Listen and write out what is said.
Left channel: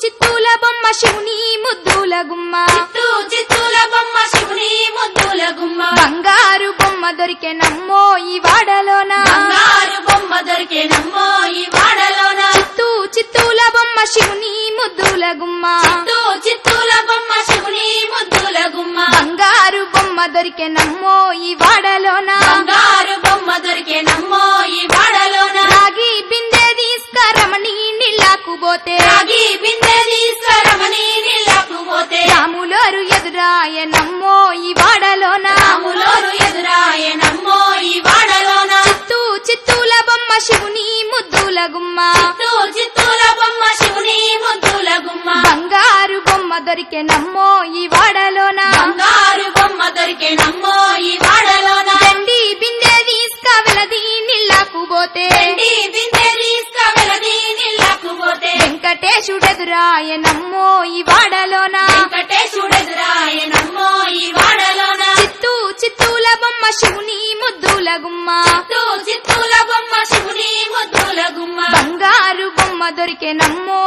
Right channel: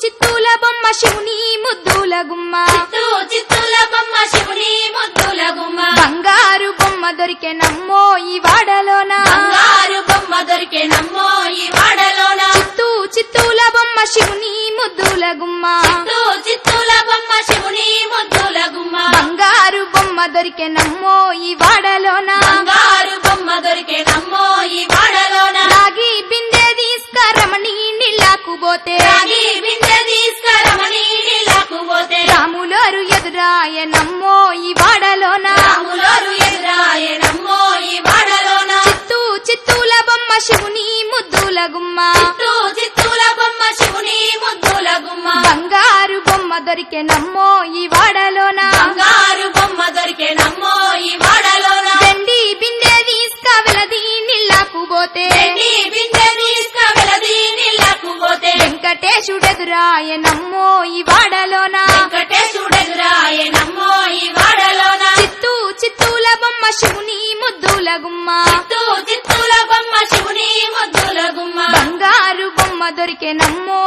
చిత్తూల బొమ్మ శివుని ముద్దుల గుమ్మ చిత్తూల బొమ్మ శివుని ముద్దుల గుమ్మ బంగారు బొమ్మ దొరికే నమ్మో ఈ వాడలోన బంగారు బొమ్మ దొరికే నమ్మో ఈ వాడలోన చిత్తూల బొమ్మ శివుని ముద్దుల గుమ్మ చిత్తూల బొమ్మ శివుని ముద్దుల గుమ్మ బంగారు బొమ్మ దొరికే నమ్మో ఈ వాడలోన బంగారు బొమ్మ దొరికే నమ్మో ఈ వాడలోన రాగి బిందె తీసుకరమణి నీళ్ళకు పోతే రాగి బిందె తీసుకురమని నీళ్ళకు పోతే రాములోరు ఎదురాయ నమ్మో ఈ వాడలోన రాములోరు ఎదురాయ నమ్మో ఈ వాడలోన చిత్తూల బొమ్మ శివుని ముద్దుల గుమ్మ చిత్తూల బొమ్మ శివుని ముద్దుల గుమ్మ బంగారు బొమ్మ దొరికే నమ్మో ఈ వాడలోన బంగారు బొమ్మ దొరికే నమ్మో ఈ వాడలోన వెండి బిందె తీసుకవెలది నీళ్ళకు పోతే వెండి బిందె తీసుకువెలది నీళ్ళకు పోతే వెంకటేశుడెదురాయ నమ్మో ఈ వాడలోన వెంకటేశుడెదురాయ నమ్మో ఈ వాడలోన చిత్తూల బొమ్మ శివుని ముద్దుల గుమ్మ చిత్తూల బొమ్మ శివుని ముద్దుల గుమ్మ బంగారు బొమ్మ దొరికే నమ్మో